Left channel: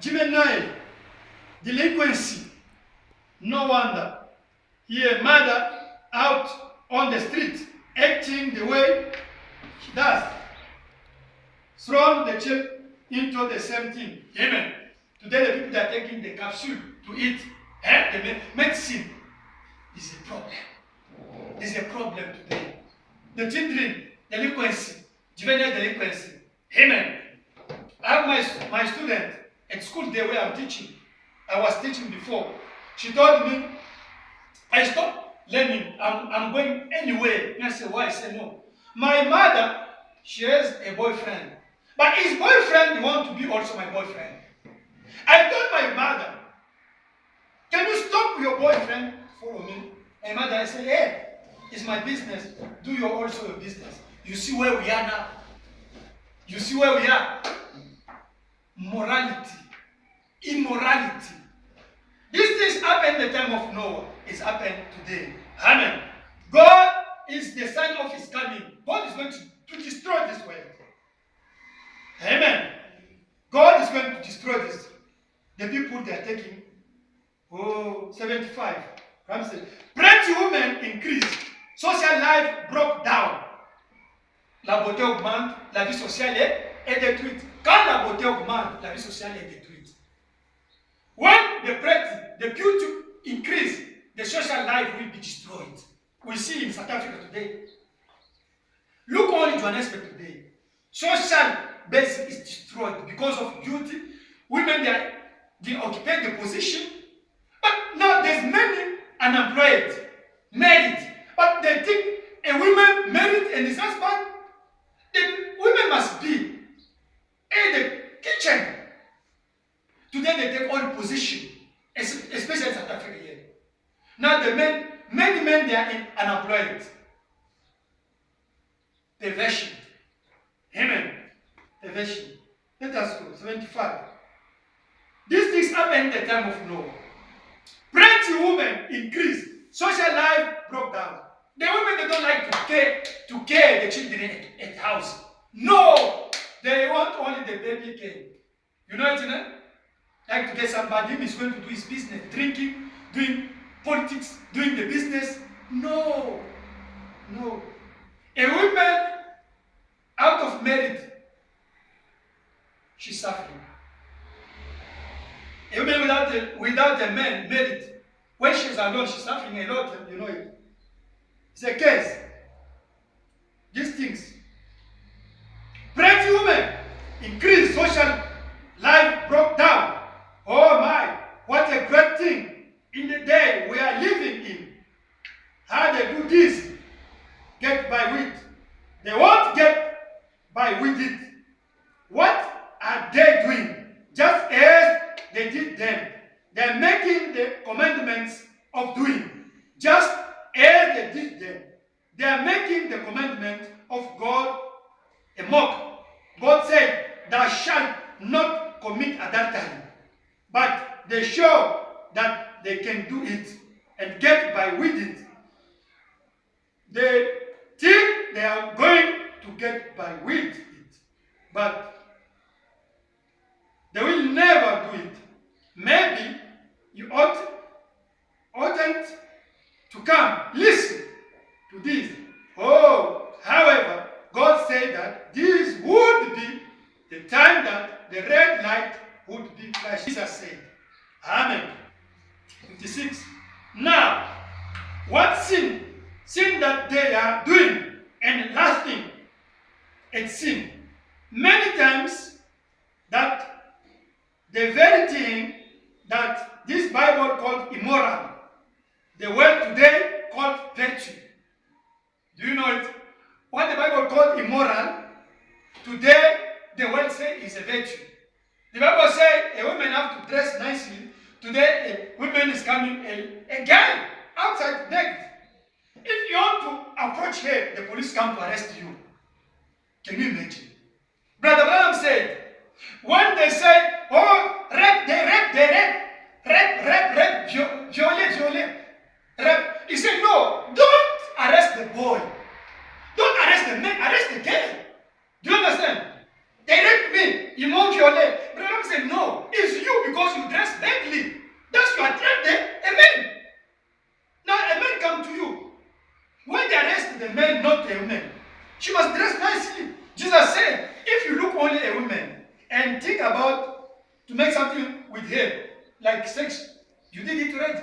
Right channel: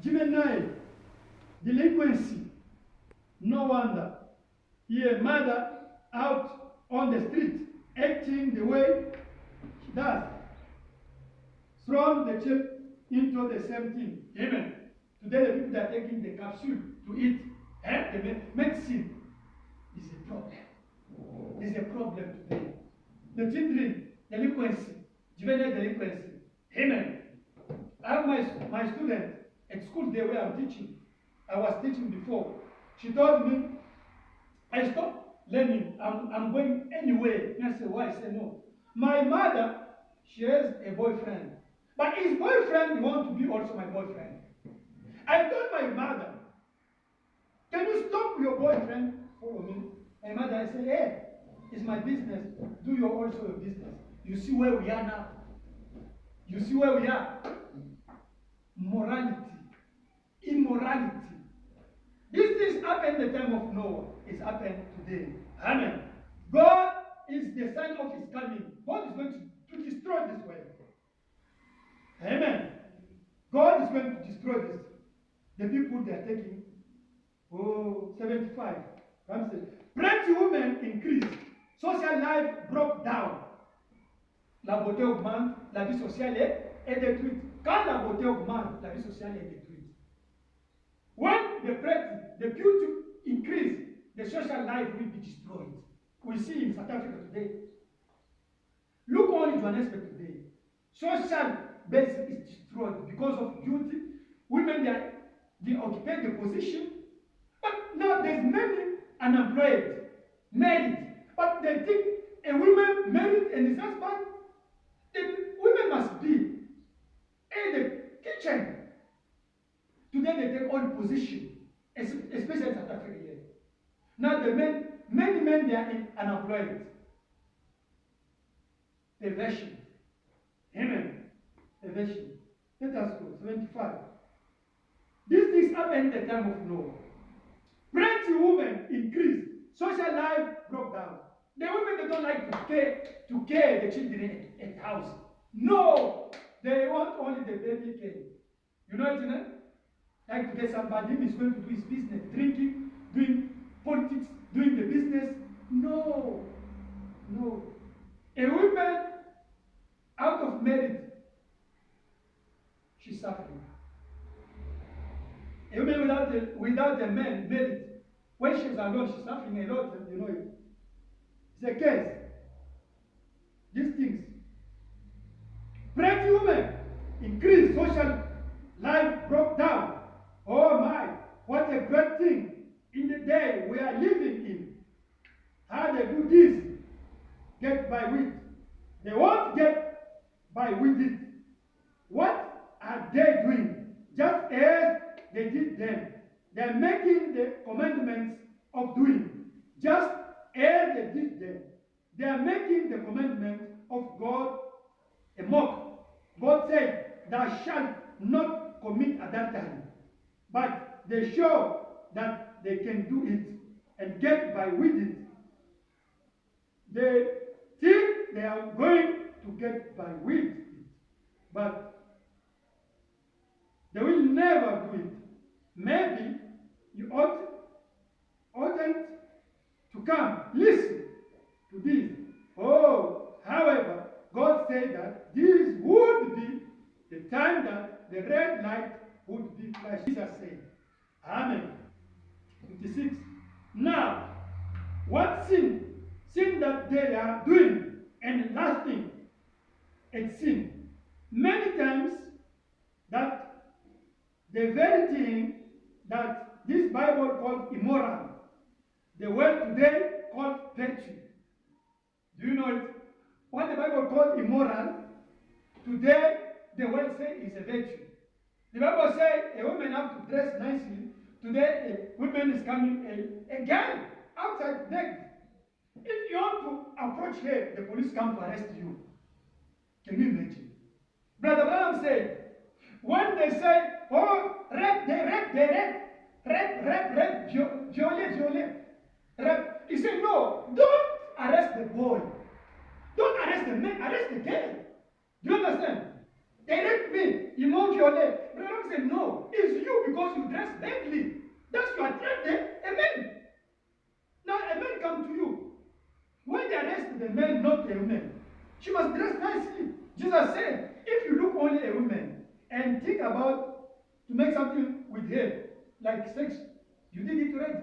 juvenile delinquency. No wonder. Here, mother out on the street, acting the way she does. Thrown the chip into the same thing. Amen. Today, the people that are taking the capsule to eat, the medicine is a problem. Is a problem today. The children, delinquency, juvenile delinquency. Amen. I have my student at school there where I'm teaching. I was teaching before. She told me, I stopped learning. I'm going anywhere. And I said, why? I said, no. My mother, she has a boyfriend. But his boyfriend wants to be also my boyfriend. I told my mother, can you stop your boyfriend follow me? And mother, I said, hey, it's my business. Do you also your business. You see where we are now? You see where we are? Morality, immorality. These things happened in the time of Noah. It's happened today. Amen. God is the sign of his coming. God is going to destroy this world. Amen. God is going to destroy this. The people they are taking, 75. Ramsey. Pretty women increased. Social life broke down. La beauté augmente, la vie sociale est détruite. Quand la beauté augmente, la vie sociale est détruite. When the pretty, the beauty increase, the social life will be destroyed. We see in South Africa today. Look only Johannesburg today. Social base is destroyed because of beauty. Women, they occupy the position. But now there's many unemployed, married. But they think a woman married and his husband, the women must be in the kitchen. Today they take all position, especially in South Africa here. Now the men, many men, they are unemployed. Perversion. Amen. Perversion. Let us go. 75. These things happened in the time of Noah. Pretty women increased. Social life broke down. The women, they don't like to care the children at house. No! They want only the baby care. You know it, you know? Like today somebody is going to do his business, drinking, doing politics, doing the business. No. No. A woman out of merit, she's suffering. A woman without a man merit, when she's alone, she's suffering a lot, you know it. It's a case. These things. Pretty women increased, social life broke down. Oh my, what a great thing in the day we are living in. How they do this, get by with. They won't get by with it. What are they doing? Just as they did then. They're making the commandments of doing. Just as they did then. They are making the commandment of God a mock. God said, thou shalt not commit adultery. But they show that they can do it and get by with it. They think they are going to get by with it. But they will never do it. Maybe you oughtn't to come. Listen to this. Oh, however, God said that this would be the time that the red light would be flashed. Jesus said, Amen. 56. Now, what sin that they are doing and lasting at sin, many times that the very thing that this Bible called immoral, the word today called virtue. Do you know it? What the Bible called immoral, today the world say is a virtue. The Bible says a woman have to dress nicely. Today a woman is coming, a guy outside naked. If you want to approach her, the police come to arrest you. Can you imagine? Brother Branham said, when they say, oh, rape, violate, rape. He said, no, don't arrest the boy. Don't arrest the man, arrest the girl. Do you understand? They raped me, ils m'ont violé. Branham said, no, it's you because you dress badly, that's you attract the men. Now a man come to you. When they arrest the man, not a woman, she must dress nicely. Jesus said, if you look only a woman and think about to make something with her, like sex, you did it already.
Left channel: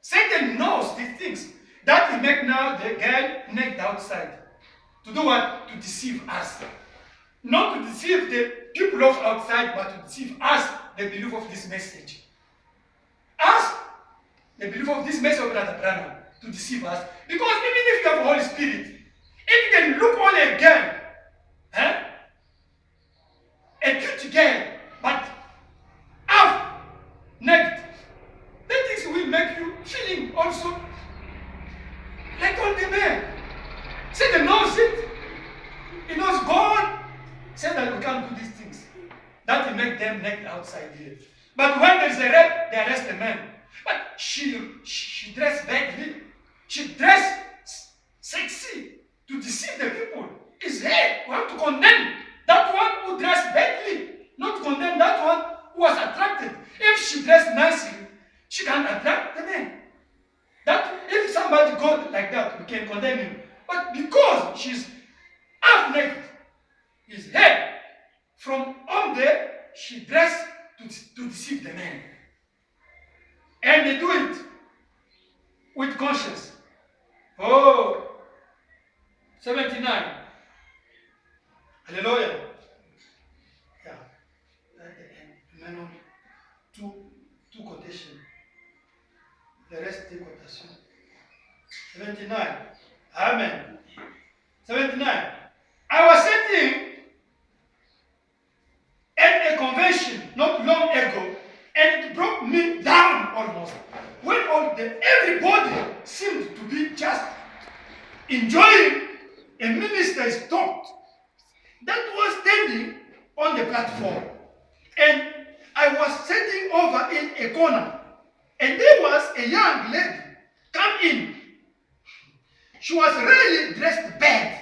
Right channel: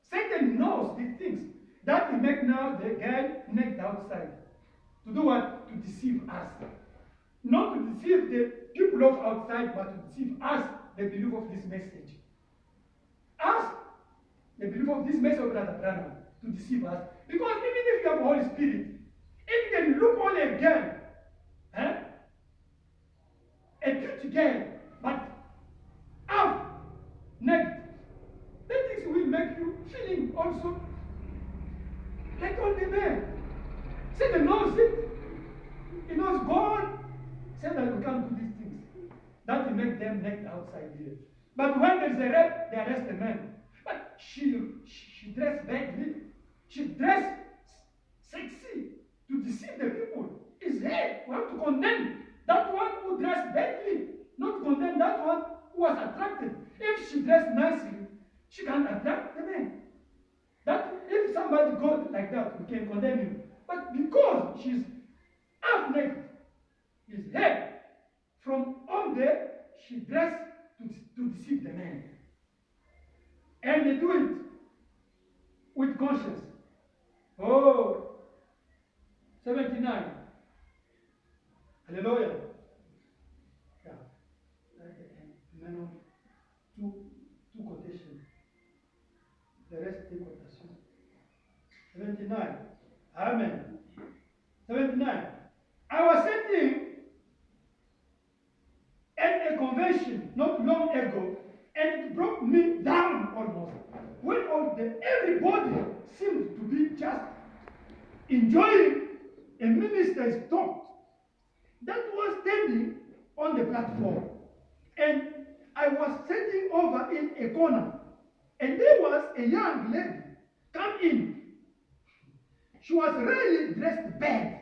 Satan knows these things. That will make now the girl naked outside. To do what? To deceive us. Not to deceive the people of outside, but to deceive us, the belief of this message. Us, the belief of this message of Brother Branham, to deceive us. Because even if you have the Holy Spirit, if you can look on a girl, a cute girl, but half naked, then things will make you feeling also like all the men. Satan knows it. He knows God said that we can't do these things. That will make them naked outside here. But when there's a rape, they arrest the man. But she dressed badly. She dressed sexy to deceive the people. It's her who have to condemn that one who dressed badly, not to condemn that one who was attracted. If she dressed nicely, she can attract the men. That if somebody goes like that, we can condemn him. But because she's half naked, his head from on there, she dressed to deceive the men. And they do it with conscience. Oh, 79. Hallelujah. Yeah. At the end, two quotations. The rest take quotation. 79. Amen. 79. I was sitting at a convention not long ago, and it brought me down almost. When everybody seemed to be just enjoying a minister's talk that was standing on the platform. And I was sitting over in a corner, and there was a young lady come in. She was really dressed bad.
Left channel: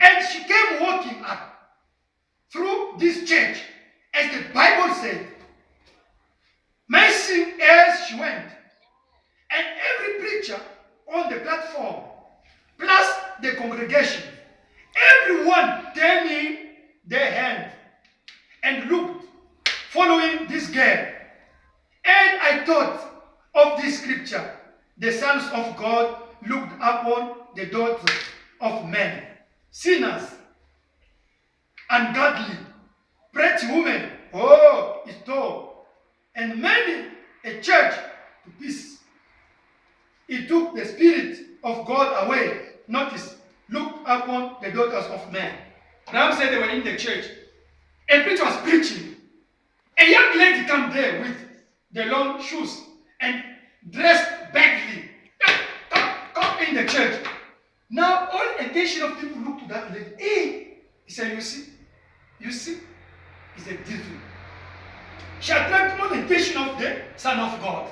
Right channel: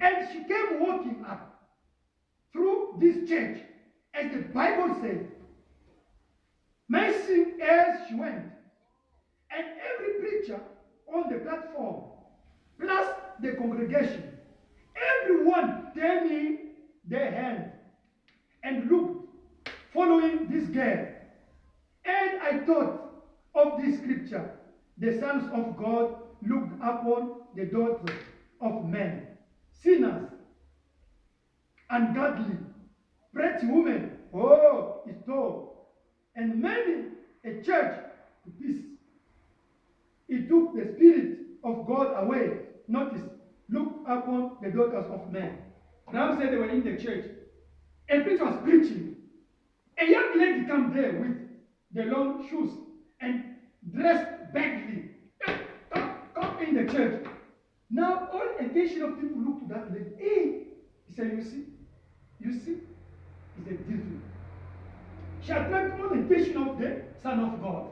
And she came walking up through this church, as the Bible said, mentioning as she went. And every preacher on the platform, plus the congregation, everyone turning their hand and looked, following this girl. And I thought of this scripture, the sons of God looked upon the daughters of men, sinners, ungodly, pretty women, oh, it's tall, and many a church to peace. He took the Spirit of God away. Notice, looked upon the daughters of men. Ram said they were in the church. A preacher was preaching. A young lady come there with the long shoes and dressed badly. Come in the church. Now all attention of people look to that lady. Hey, he said, you see, it's a devil. She attracted all the attention of the Son of God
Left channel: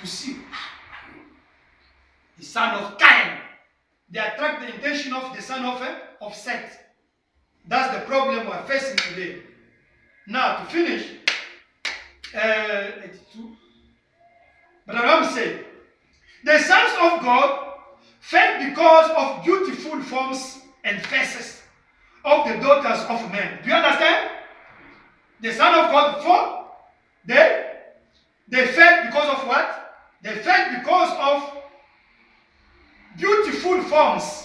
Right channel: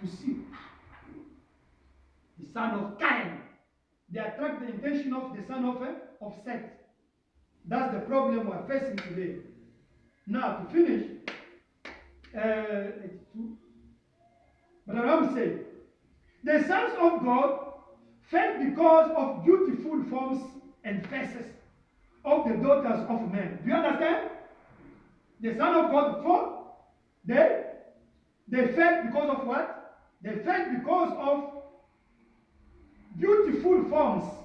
to see. The son of Cain. They attract the attention of the son of Seth. That's the problem we're facing today. Now, to finish, 82. Brother Ram said, the sons of God fell because of beautiful forms and faces of the daughters of men. Do you understand? The son of God fell. They fell because of what? They fell because of beautiful forms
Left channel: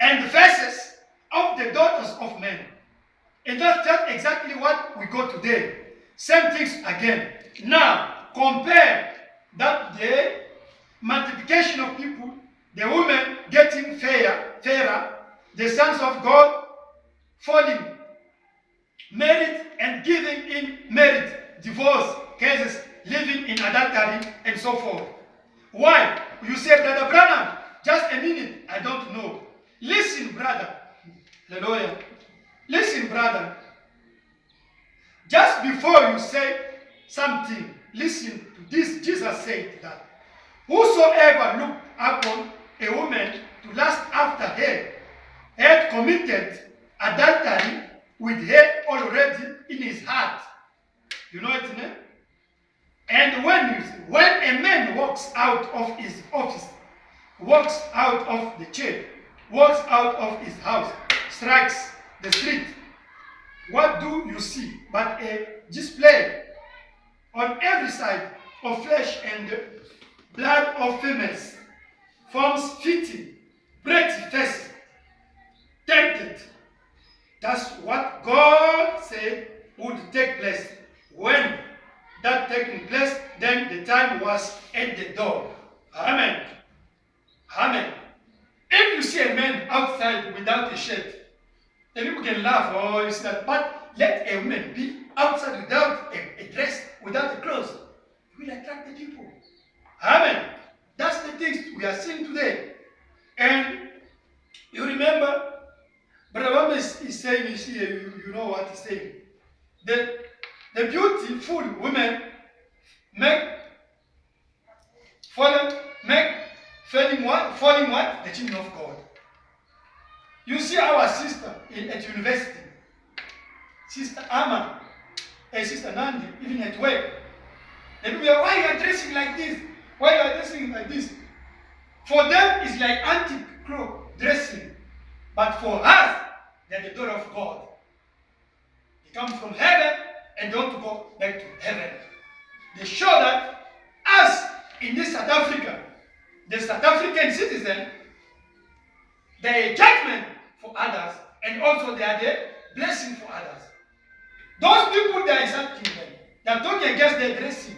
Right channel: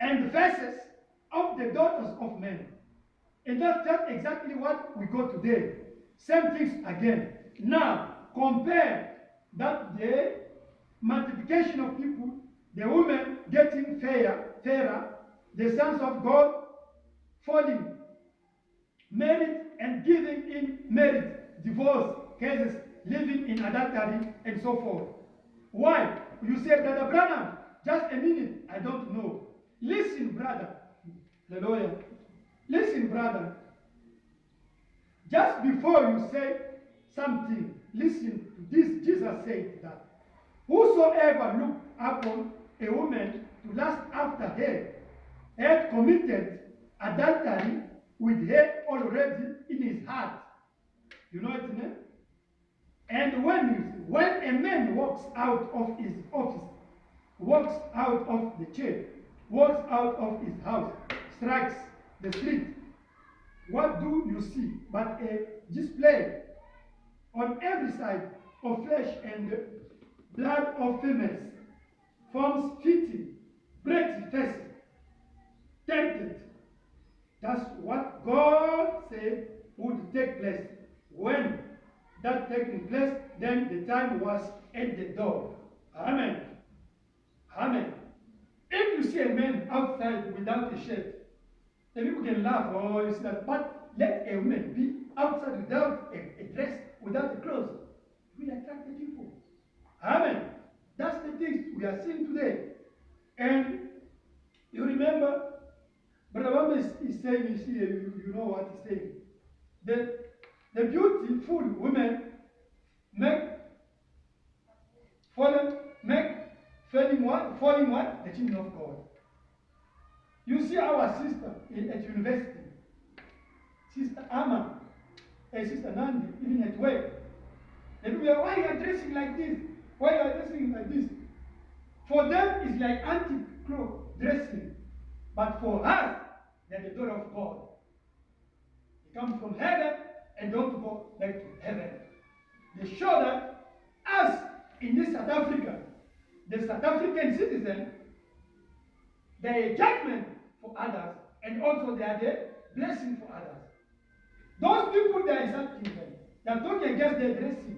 and faces of the daughters of men. And that's exactly what we got today. Same things again. Now, compare that the multiplication of people, the women getting fairer, the sons of God falling, married and giving in marriage, divorce cases, living in adultery, and so forth. Why? You say, Brother Branham, just a minute, I don't know. Listen, brother. Hallelujah. Listen, brother. Just before you say something, listen to this. Jesus said that whosoever looked upon a woman to lust after her had committed adultery with her already in his heart. You know its name? And when a man walks out of his office, walks out of the chair, walks out of his house, strikes the street, what do you see but a display on every side of flesh and blood of females, forms fitting, pretty faces, tempted. That's what God said would take place. When that taking place, then the time was at the door. Amen. Amen. If you see a man outside without a shirt, then people can laugh or you see that. But let a woman be outside without a dress, without a clothes. It will attract the people. Amen. That's the things we are seeing today. And you remember, Brother Obama is saying, you know what he's saying. The beautiful women make falling what? The children of God. You see our sister at university, Sister Amma and Sister Nandi, even at work. They people are, why you are dressing like this? Why you are dressing like this? For them, it's like antique clothes dressing. But for us, they're the daughter of God. They come from heaven and don't go back to heaven. They show that us in this South Africa, the South African citizen, they are a judgment for others, and also they are the blessing for others. Those people they are insulting them, they are talking against their dressing.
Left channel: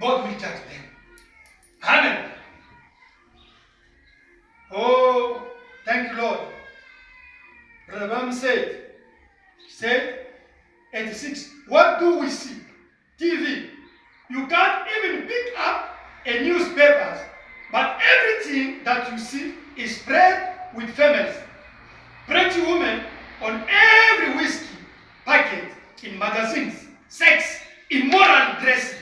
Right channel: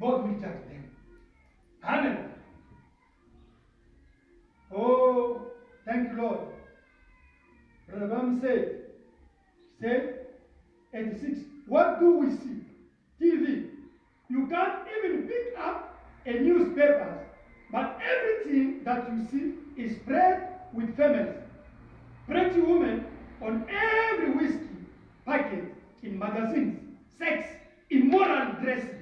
God will judge them. Amen. Oh, thank you, Lord. Brother Bam said, 86, what do we see? TV. You can't even pick up a newspaper, but everything that you see is spread with females. Pretty women on every whiskey packet, in magazines, sex, immoral dressing,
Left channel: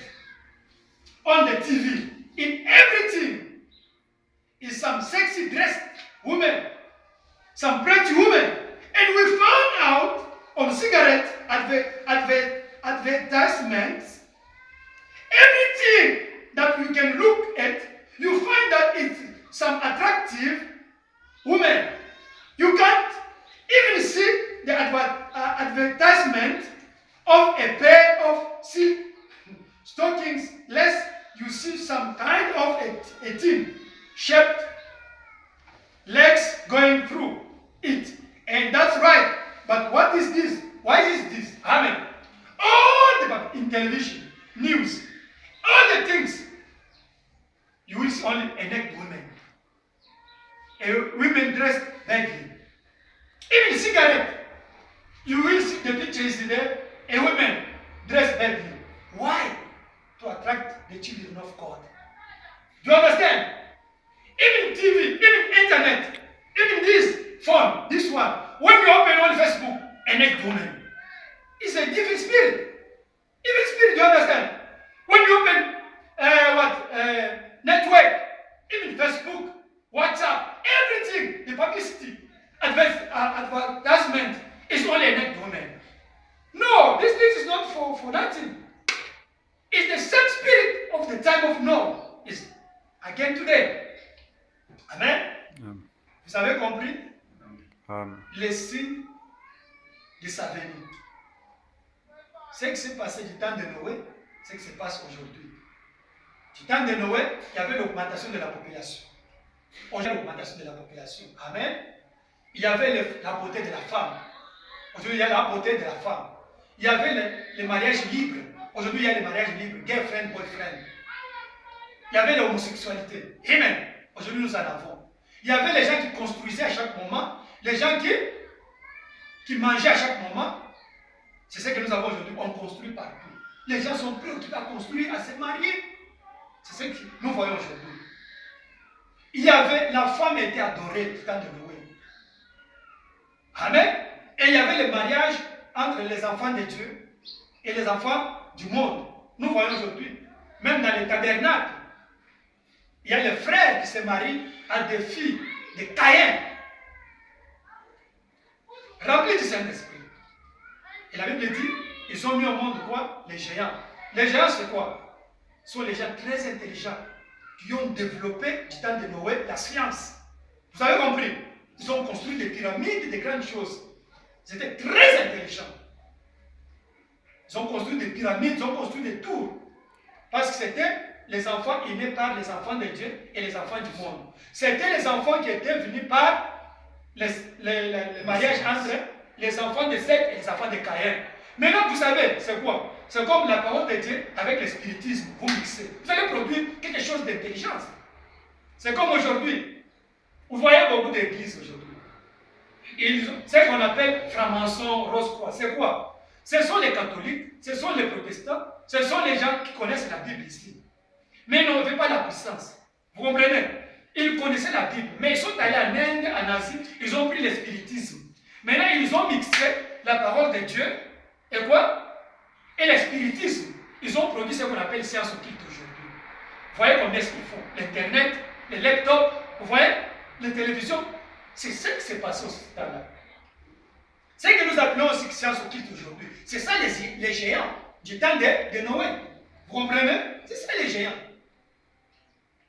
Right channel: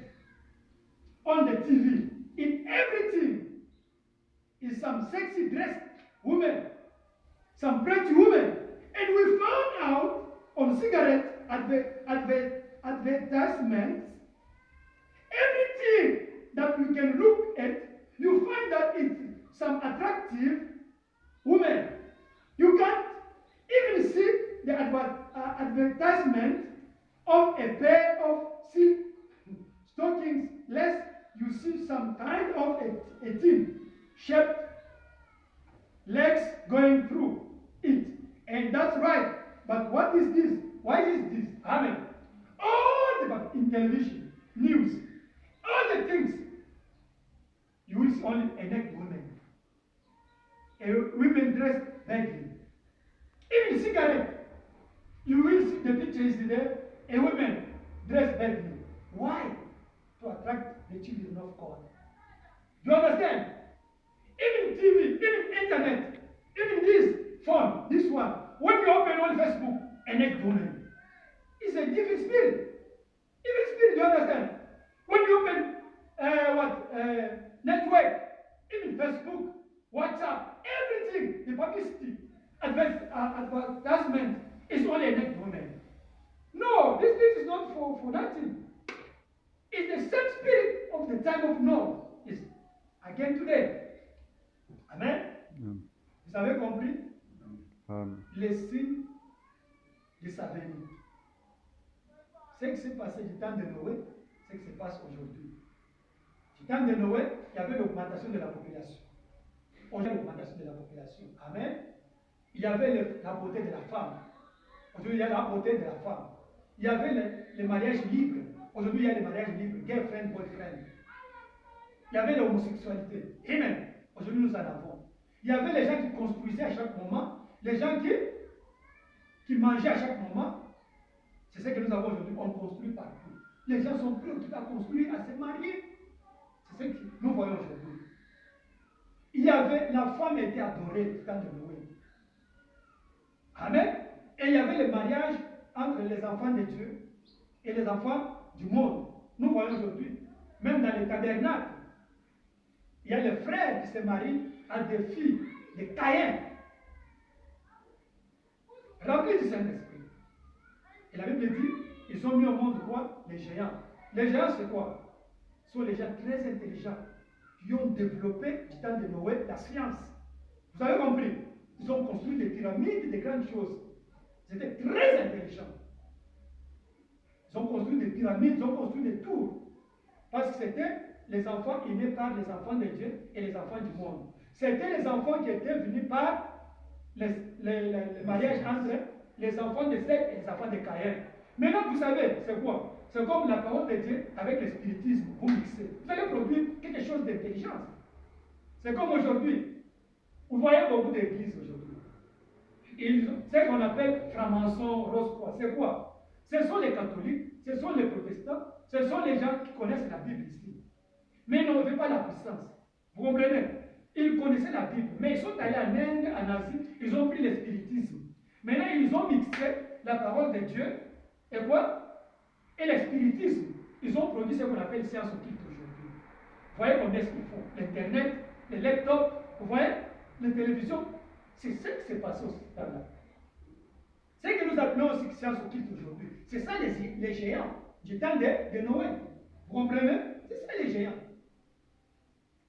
on the TV, in everything is some sexy dressed women, some pretty women. And we found out on cigarette advertisements, everything that we can look at, you find that it's some attractive women. You can't even see the advertisement of a pair of silk stockings, lest you see some kind of a thin shaped legs going through it. And that's right. But what is this? Why is this? Amen. All the in television, news, all the things, you will see only a naked woman. Women dressed badly. Even cigarette, you will see the picture is there, a woman dressed badly. Why? To attract the children of God. Do you understand? Even TV, even internet, even this phone, this one, when you open on Facebook, a naked woman, it's a different spirit. Different spirit, do you understand? When you open network, even Facebook, WhatsApp, everything, the publicity, advertisement is only a naked woman. No, this thing is not for nothing. It's the same spirit of the time of Noah. Is again today. Amen. Vous avez compris? Les signes de sa venue. Ce qui s'est passé du temps de Noé, c'est ce qui se passe aujourd'hui. Du temps de Noé, il y avait l'augmentation de la population. Aujourd'hui, l'augmentation de la population. Amen. Il y avait la beauté de la femme. Aujourd'hui, il y a la beauté de la femme. Il y avait le mariage libre. Aujourd'hui, il y a le mariage libre. Girlfriend, boyfriend. Il y avait l'homosexualité. Amen. Aujourd'hui, nous en avons. Il y avait les gens qui construisaient à chaque moment. Les gens qui mangeaient à chaque moment. C'est ce que nous avons aujourd'hui. On construit partout. Les gens sont préoccupés à construire, à se marier. C'est ce que nous voyons aujourd'hui. Il y avait, la femme était adorée du temps de Noé. Amen. Et il y avait le mariage entre les enfants de Dieu et les enfants du monde. Nous voyons aujourd'hui, même dans les tabernacles, il y a les frères qui se marient à des filles de Caïn, remplis du Saint-Esprit. Et la Bible dit, ils ont mis au monde quoi? Les géants. Les géants, c'est quoi? Ce sont les gens très intelligents qui ont développé, du temps de Noé, la science. Vous avez compris? Ils ont construit des pyramides, des grandes choses. Ils étaient très intelligents. Ils ont construit des pyramides, ils ont construit des tours. Parce que c'était les enfants aimés par les enfants de Dieu et les enfants du monde. C'était les enfants qui étaient venus par le mariage entre les enfants de Seth et les enfants de Caïn. Maintenant, vous savez, c'est quoi? C'est comme la parole de Dieu avec le spiritisme. Vous mixez. Vous allez produire quelque chose d'intelligence. C'est comme aujourd'hui. Vous voyez beaucoup d'églises aujourd'hui. C'est ce qu'on appelle franc-maçon, rose-croix. C'est quoi? Ce sont les catholiques, ce sont les protestants, ce sont les gens qui connaissent la Bible ici. Mais ils n'avaient pas la puissance. Vous comprenez? Ils connaissaient la Bible, mais ils sont allés en Inde, en Asie, ils ont pris le spiritisme. Maintenant, ils ont mixé la parole de Dieu et quoi? Et le spiritisme. Ils ont produit ce qu'on appelle science occulte aujourd'hui. Vous voyez combien est-ce qu'ils font? L'Internet, les laptops, vous voyez? Les télévisions. C'est ce qui s'est passé au temps-là. Ce que nous appelons aussi science occulte aujourd'hui, c'est ça les géants du temps de Noé. Vous comprenez? C'est ça les géants.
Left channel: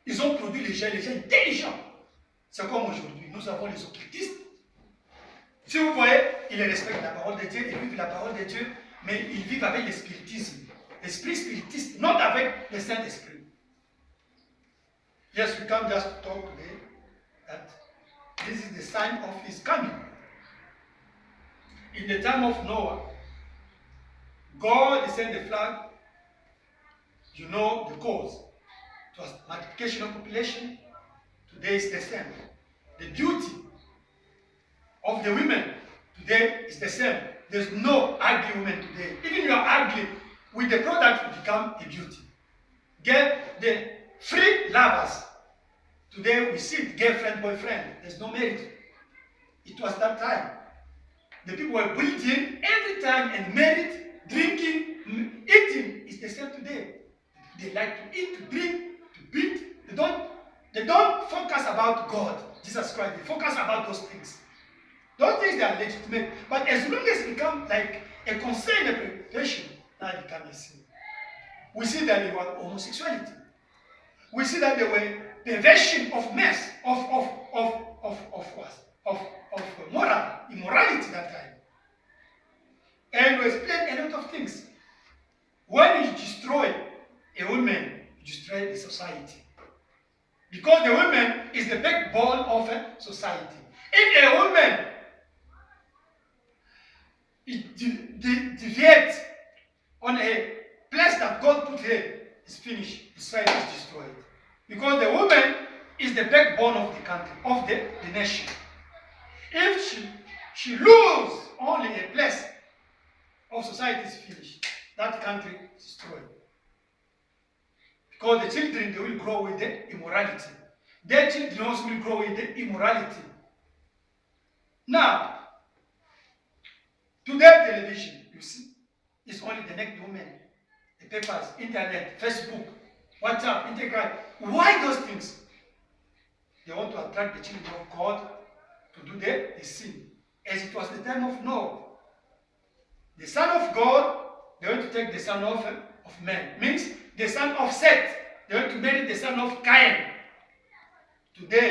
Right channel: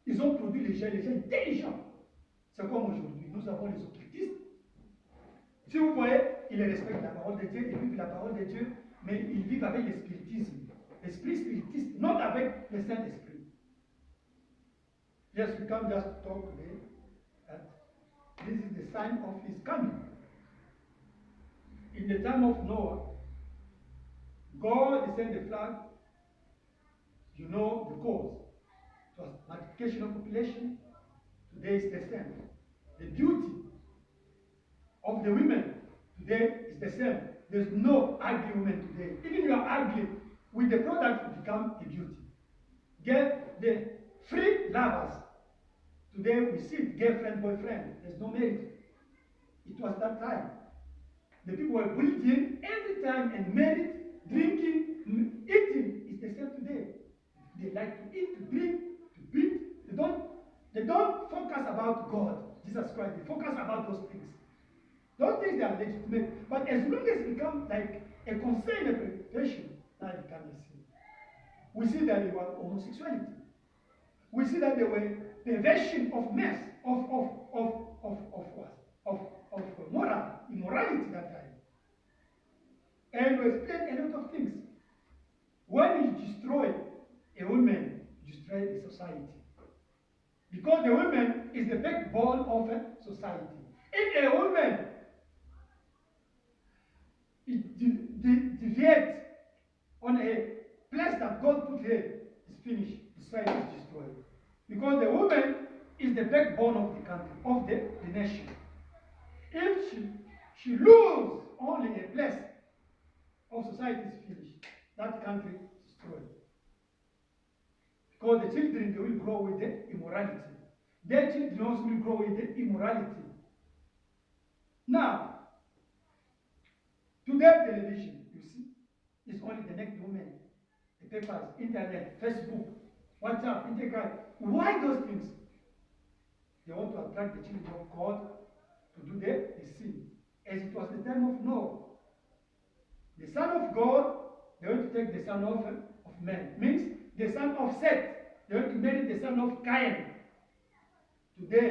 Ils ont produit les gens intelligents. C'est comme aujourd'hui, nous avons les occultistes. Si vous voyez, ils respectent la parole de Dieu, ils vivent la parole de Dieu, mais ils vivent avec le spiritisme. L'esprit spiritiste, non avec le Saint-Esprit. Yes, we come just to talk today that this is the sign of his coming. In the time of Noah, God sent the flood. You know the cause. It was multiplication of population. Today is the same. The beauty of the women today is the same. There's no ugly women today. Even you are ugly, with the product you become a beauty. Get the free lovers. Today we see it, girlfriend, boyfriend. There's no marriage. It was that time. The people were breeding every time and married, drinking, eating is the same today. They like to eat, to drink, to beat. They don't focus about God, Jesus Christ. They focus about those things. Those things they are legitimate. But as long as it becomes like a concern, a preoccupation, now it becomes a sin. We see that they were homosexuality. We see that they were perversion of mess, of moral, immorality that time. And we explain a lot of things. When you destroy a woman, you destroy the society. Because the woman is the backbone of a society. If a woman deviates on a place that God put her, it's finished. The society is destroyed. Because the woman is the backbone of the country, of the nation. If she loses only a place of society is finished, that country is destroyed. Because the children, they will grow with the immorality. Their children also will grow with the immorality. Now, today television, you see, is only the naked woman. The papers, internet, Facebook, WhatsApp, Instagram. Why those things? They want to attract the children of God to do the sin. As it was the time of Noah. The son of God, they want to take the son of man. Means the son of Seth. They want to marry the son of Cain. Today,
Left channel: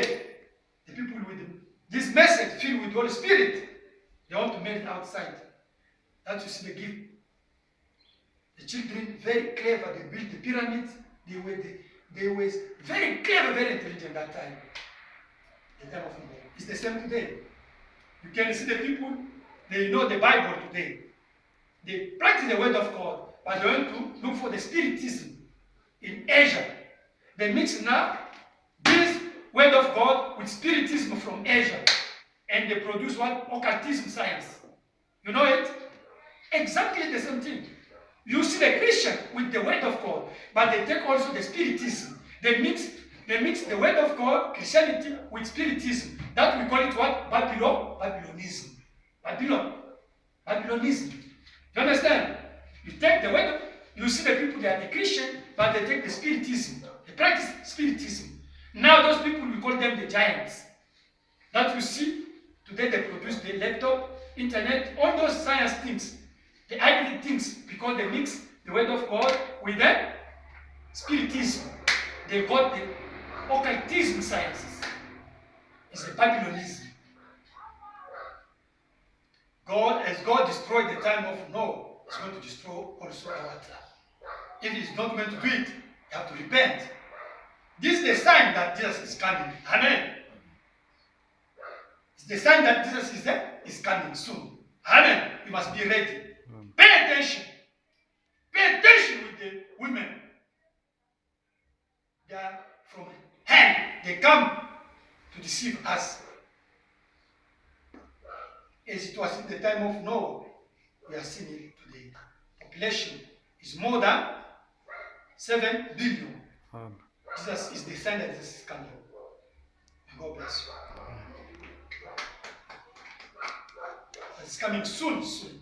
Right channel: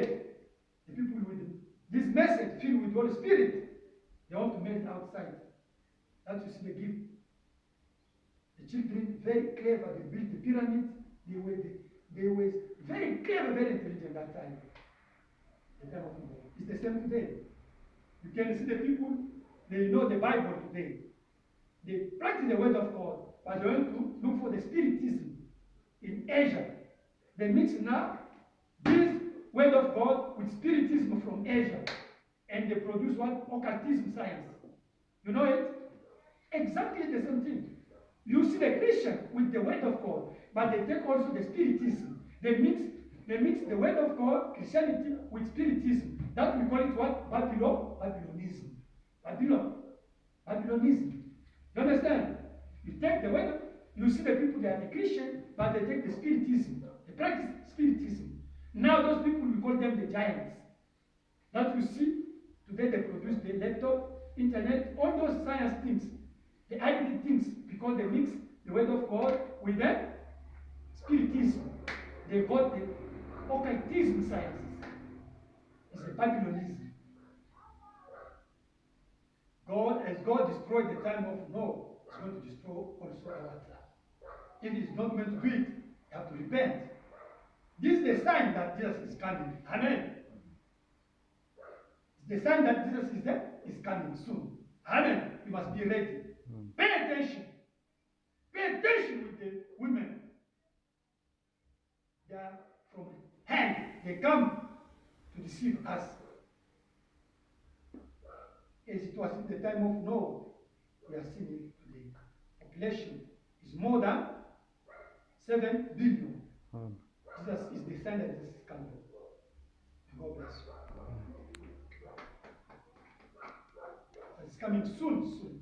the people with this message filled with the Holy Spirit, they want to marry outside. That you see the gift. The children, very clever, they built the pyramids. They were very clever, very intelligent that time. The time of Noah. It's the same today. You can see the people, they know the Bible today. They practice the word of God, but they want to look for the spiritism in Asia. They mix now this word of God with spiritism from Asia. And they produce what? Occultism science. You know it? Exactly the same thing. You see the Christian with the word of God, but they take also the spiritism. They mix the word of God, Christianity, with spiritism. That we call it what? Babylonism. Babylonism. You understand? You take the word, you see the people, they are the Christian, but they take the spiritism. They practice spiritism. Now those people, we call them the giants. That you see, today they produce the laptop, internet, all those science things, the hybrid things. because they mix the word of God with the spiritism. They got the occultism sciences. It's a Babylonism. As God destroyed the time of Noah, He's going to destroy also our time. If He's not going to do it, you have to repent. This is the sign that Jesus is coming. Amen. It's the sign that Jesus is coming soon. Amen. You must be ready. Pay attention. Pay attention with the women. They are from hell. They come to deceive us. As it was in the time of Noah, we are seeing it today. Population is more than 7 billion. Jesus is the sign that Jesus is coming. May God bless you. It's coming soon, soon.